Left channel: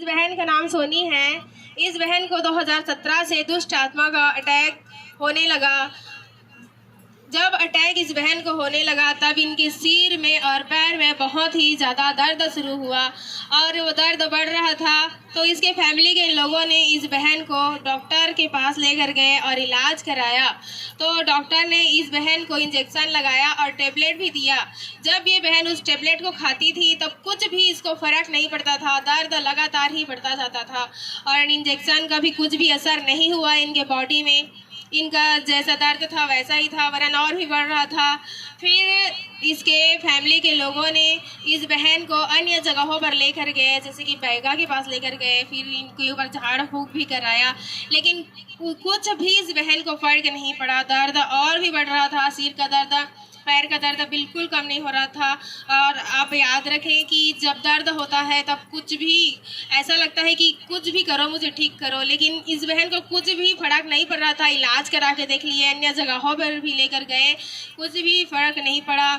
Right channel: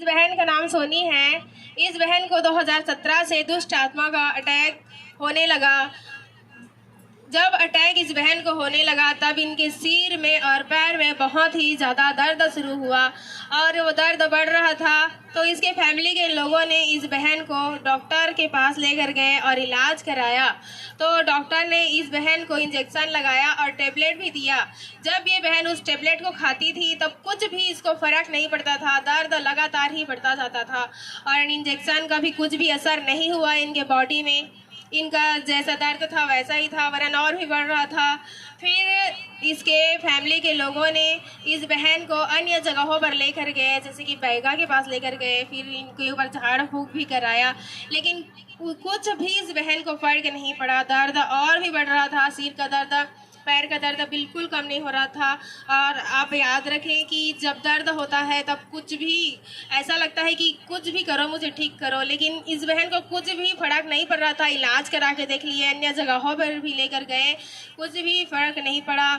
इस बहन का नाम सोनी है। इस बहन को 2017 से दुष्ट आत्मा का अटैक होने लगा। जब अटैक इस बहन को होने लगा तब इनके सिर में और पैर में बहुत ही ज़्यादा दर्द शुरू हुआ और वो दर्द बढ़ रहा था। तो इसके फैमिली के लोगों ने इस बहन को डॉक्टर के पास लेकर गए और इलाज कराया। तो डॉक्टर ने इस बहन को इंजेक्शन लगाया और टेबलेट भी दिया। जब ये बहन उस टेबलेट को खाती थी तब कुछ भी इसको फ़र्क नहीं पड़ता था, दर्द लगातार ही बढ़ता जाता था और इंजेक्शन का भी कुछ भी असर नहीं हुआ इनके बॉडी में। इनका जैसा दर्द था वैसा ही था, वरन और भी बढ़ रहा था। फिर इसके फैमिली के लोगों ने इस बहन को अन्य जगहों पर लेकर गए, जैसे कि बैगा के पास लेकर गए, फिर इनके ऊपर झाड़ फूँक भी कराया, लेकिन कुछ भी इस बहन को फ़र्क नहीं पड़ा। दर्द और भी बढ़ रहा था, सिर का दर्द, पैर का दर्द बिल्कुल कम नहीं हो रहा था। और आप याद रखें कि जब दर्द होता है तब कुछ भी ऐसा लगता है कि कुछ भी करो मुझे ठीक करो, लेकिन इस बहन को कुछ भी फ़र्क नहीं पड़ रहा था। इलाज करा के देख लिए, अन्य जगहों पर भी लेकर गए, कुछ भी फ़र्क नहीं पड़ा,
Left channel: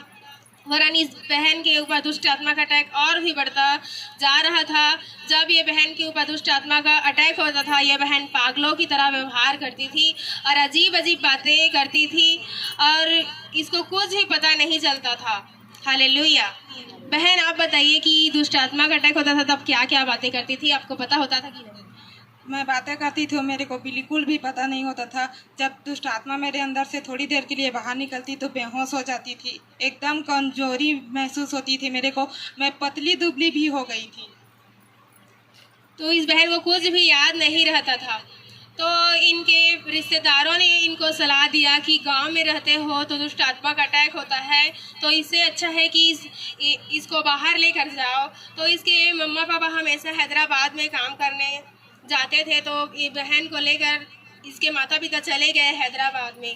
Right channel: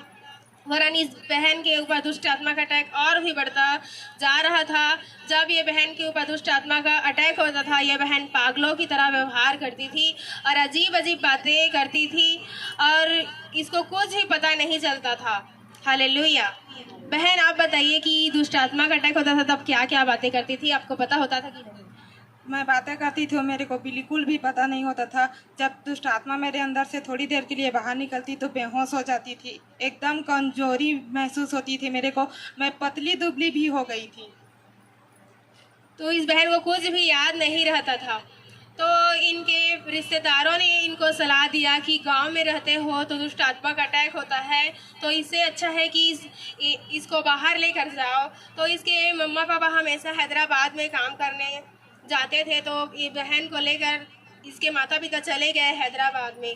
वरन इस बहन के ऊपर दुष्ट आत्मा का अटैक और भी बढ़ता जा रहा था। जब ये बहन के ऊपर दुष्ट आत्मा का अटैक होता था, ये बहन पागलों की तरह व्यवहार करती थी और अजीब अजीब बातें करती थी और इसको कुछ भी पता नहीं चलता था। हालेलुया। बहन, आप बताइए कि दुष्ट आत्मा का अटैक होता था तब क्या क्या बातें करती थी, आपको पता होता था कि नहीं? मैं बातें करती थी, मेरे को बिल्कुल भी पता नहीं होता था। जब दुष्ट आत्मा मेरे अंदर से थोड़ी देर के लिए बाहर निकलती तो बेहोश हो जाती थी, एकदम कमजोरी महसूस होती थी मेरे को, मैं पतली दुबली भी हो गई थी। तो इस बहन को कुछ भी याद नहीं रहता था। तो इनके रिश्तेदारों ने इनको सलाह दिया कि गांव में रहते हो तो दुष्ट आत्मा का अटैक होता है, तो इससे अच्छा है कि इसको बाहर लेकर जाओ। तो इसके मम्मा पापा हमेशा हैदराबाद में काम करने जाते थे, तो ये बहन को लेकर इसके माता पिता चले गए हैदराबाद में।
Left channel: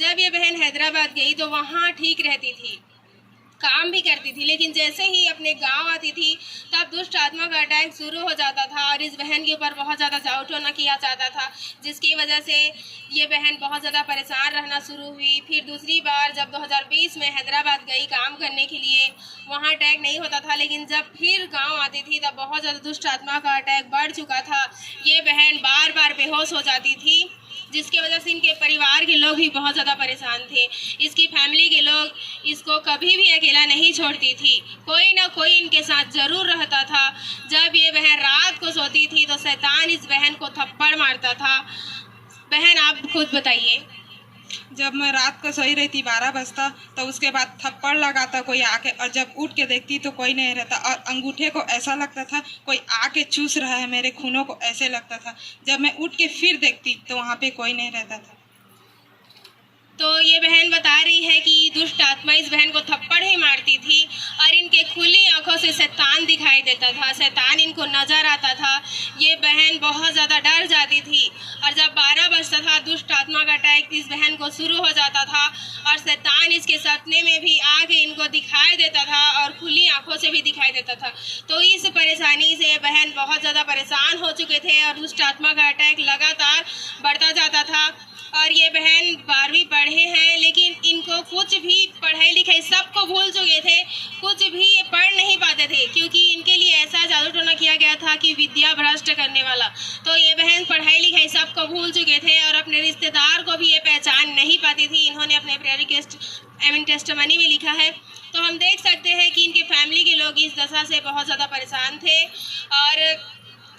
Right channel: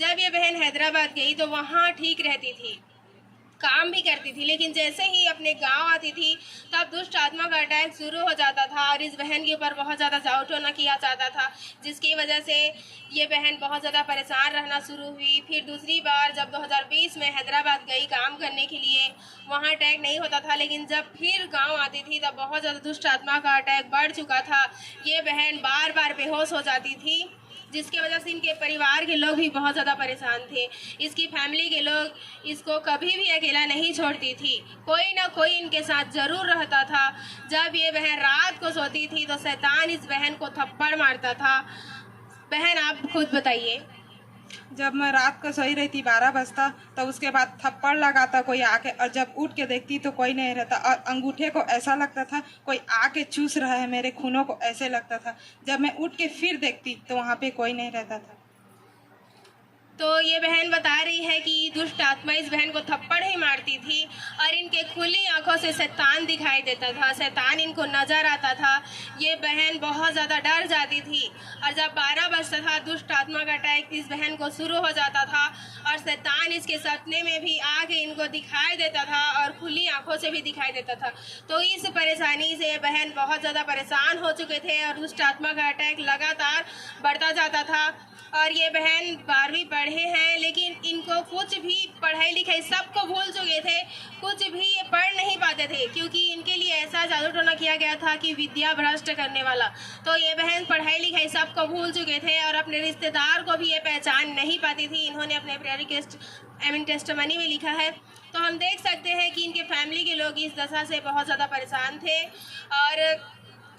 जब ये बहन हैदराबाद गई तो वहाँ ठीक रहती थी, काम भी करती थी, लेकिन जैसे ही अपने गांव आती थी तब दुष्ट आत्मा का अटैक शुरू हो जाता था और इस बहन के ऊपर बहुत ज़्यादा जाओटोना किया जाता था, जिसकी वजह से ये बहन बहुत ज़्यादा परेशान रहना शुरू हुई। फिर दूसरी बार जब 2020 में हैदराबाद गई काम करने के लिए, वहाँ अटैक नहीं होता था, लेकिन जब फिर गाँव आती थी तब बहुत ज़्यादा दुष्ट आत्मा का अटैक बढ़ चुका था। ये बहन बार बार बेहोश हो जाती थी, जिसकी वजह से इनके परिवार के लोग भी बहुत ज़्यादा परेशान थे। इसकी फैमिली के लोग इसको कभी भी अकेला नहीं छोड़ती थी, कोई ना कोई इनके साथ ज़रूर रहता था। जब ये बहन रात को सोती थी तो शैतान इस बहन को थप्पड़ मारता था। बहन, आप खुद बताइए। जब मैं रात को सोई रही थी 12 बजता तो उसके बाद थप्पड़ लगाता कोई आके, और जब उठ के देखती तो कोई नहीं रहता, और अंगूठे को ऐसा लगता था कोई आके चूस रहा है मेरे खूनों को, ऐसे लगता था। जब मैं उठ के फिर देखती तो वहाँ पे कोई नहीं रहता था। तो ये बहन बता रही है कि दुष्ट आत्मा इस बहन को थप्पड़ ही मारती थी और इनके खुली आंखों से शैतान दिखाई देता था, शैतान इनको नज़र आता था। ये बहन बहुत ज़्यादा डर जाती थी और जब 12 बजता था दुष्ट आत्मा का अटैक इस बहन को शुरू हो जाता था और शैतान इसके सपने में भी आके इनको दिखाई देता था और खुली आंखों से भी दिखाई देता था। तो इस परेशानी से बहन बहुत ज़्यादा परेशान हो चुके थे और दुष्ट आत्मा का अटैक लगातार बढ़ता जाता था। और ये बहन 12वीं पढ़े हैं, लेकिन इनको कुछ भी पढ़ाई लिखाई सबको भूल चुके थे, कुछ भी ये पढ़ नहीं पाते थे, क्योंकि इनके लिए ऐसा जादू टोना किया गया था कि विद्या भ्रष्ट करने वाला। तो ये बहन पढ़ाई लिखाई सबको भूल चुके थे और अपने रिश्तेदार को भी ये पहचान नहीं पाती थी। इन्होंने अपने प्रेयर रिक्वेस्ट टेस्टिमनी में लिखा है। तो हम देख सकते हैं कि इनके फैमिली के लोग इस दशा से बहुत ज़्यादा परेशान थे और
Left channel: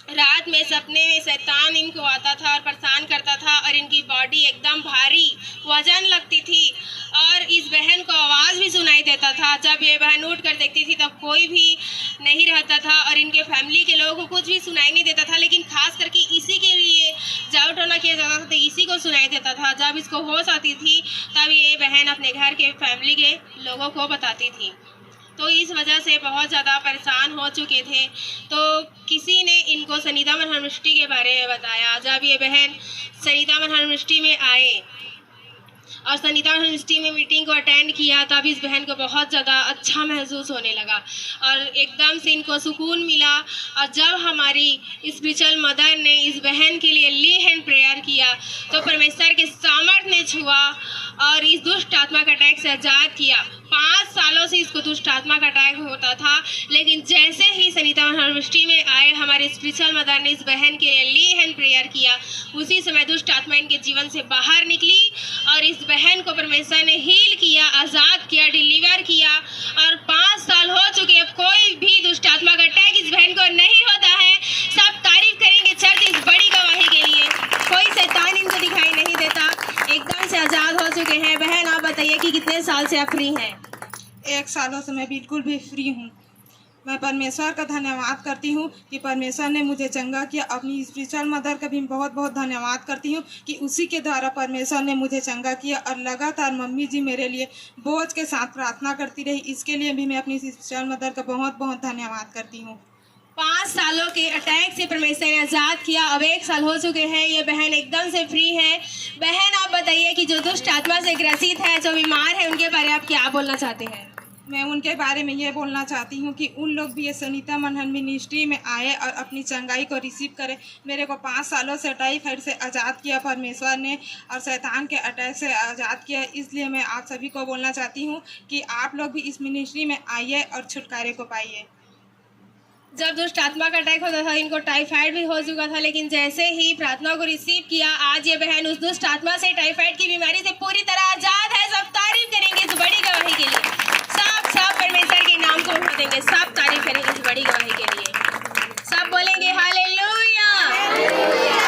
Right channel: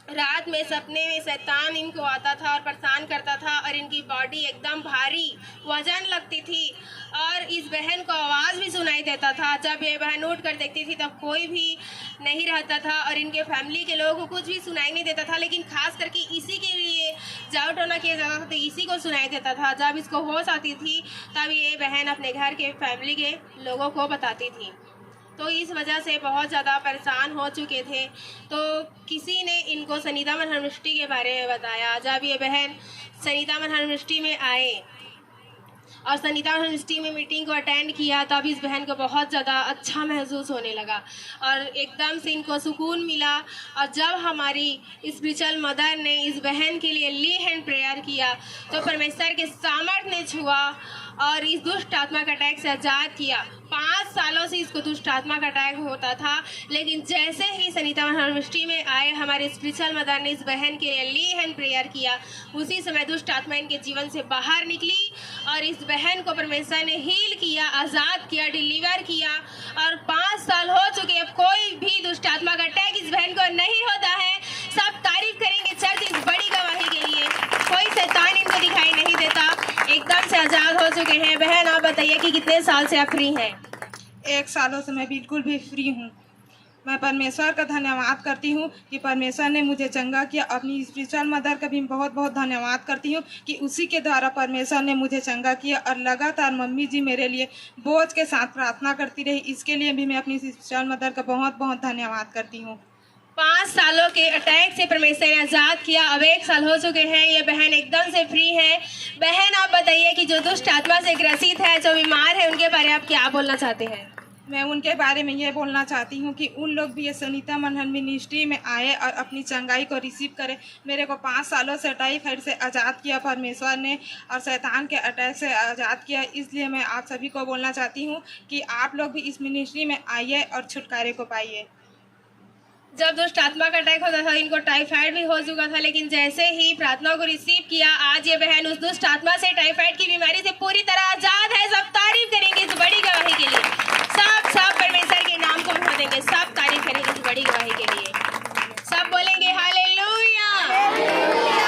रात में सपने में शैतान इनको आता था और परेशान करता था और इनकी बॉडी एकदम भारी वजन लगती थी और इस बहन को आवाज़ भी सुनाई देता था। जब ये बहन उठ कर देखती थी तब कोई भी नहीं रहता था और इनके फैमिली के लोगों को कुछ भी सुनाई नहीं देता था, लेकिन खास करके इसी के लिए जाओ टोना किया जाता था, तो इसी को सुनाई देता था। जब इसको होश आती थी तब ये बहन अपने घर के फैमिली के लोगों को बताती थी। तो इस वजह से बहुत ज़्यादा परेशान हो चुके थे। तो किसी ने इनको सनीता मन यूनिवर्सिटी के बारे में बताया। जब ये बहन सनीता मन यूनिवर्सिटी में आए और सनीता यूनिवर्सिटी में मीटिंग को अटेंड किया तब इस बहन को बहुत ज़्यादा अच्छा महसूस होने लगा और एकदम से इनको सुकून मिला। और जब हमारी स्पिरिचुअल मदर ने इस बहन के लिए ली हैंड प्रेयर किया तो परमेश्वर के सामर्थ्य ने छुआ और इस दुष्ट आत्मा का अटैक से आज़ाद किया। 5 सालों से इसको दुष्ट आत्मा का अटैक होता था, लेकिन जैसे ही सनीता मिनिस्ट्री में आए, हमारे स्पिरिचुअल मदर ने इस बहन के लिए ली हैंड प्रेयर किया, उसी समय दुष्ट आत्मा इनके जीवन से बाहर निकली और इस बहन को परमेश्वर ने हील किया, आज़ाद किया, डिलीवर किया। और 5 साल हो चुके, अब कोई भी दुष्ट आत्मा का अटैक इस बहन को नहीं होता है। सब तारीफ करेंगे चर्च इस बड़ी गवाही के लिए। कोई शैतान इनको दिखाई नहीं देता, एकदम से आज़ाद हो चुके हैं। बहन आप बताइए कि कितने साल से आप फ्री हैं? 1 सालों से मैं बिल्कुल भी फ्री हूँ। मैं परमेश्वर का धन्यवाद करती हूँ कि परमेश्वर ने मुझे चंगा किया। अपनी स्पिरिचुअल मदर का भी बहुत बहुत धन्यवाद करती हूँ कि उसी के द्वारा परमेश्वर ने मुझे चंगा किया। और लगातार मम्मी जी मेरे लिए बोझ के साथ प्रार्थना करती रही, इसके लिए भी मैं अपनी स्पिरिचुअल मदर का बहुत बहुत धन्यवाद करती हूँ। 5 सालों के अटैक से परमेश्वर ने आज़ाद किया, अब 1 साल हो चुके हैं, ये बहन एकदम से फ्री है। बहन आप बताइए कि जो दुष्ट आत्मा से ग्रसित है, जो बीमार है, उनके बारे में आप क्या बोलना चाहते हैं? मैं उनके बारे में ये बोलना चाहती हूँ कि उन लोग भी ये सनीता मनहर मिनिस्ट्री में आए और अपनी चंगाई को रिसीव करें। मेरे को 5 सालों से टाइफाइड से आज़ाद किया परमेश्वर ने और शैतान के अटैक से आज़ाद किया। इसलिए मैं आप सभी को बोलना चाहती हूँ कि आप लोग भी इस मिनिस्ट्री में आइए और छुटकारे को पाइए। जब दुष्ट आत्मा का अटैक होता था, इनको टाइफाइड भी हो चुका था, लेकिन जैसे ही प्रार्थना को रिसीव किया, आज ये बहन उस दुष्ट आत्मा से, टाइफाइड की बीमारी से पूरी तरह आज़ाद है। सब तारीफ करेंगे इस बड़ी गवाही के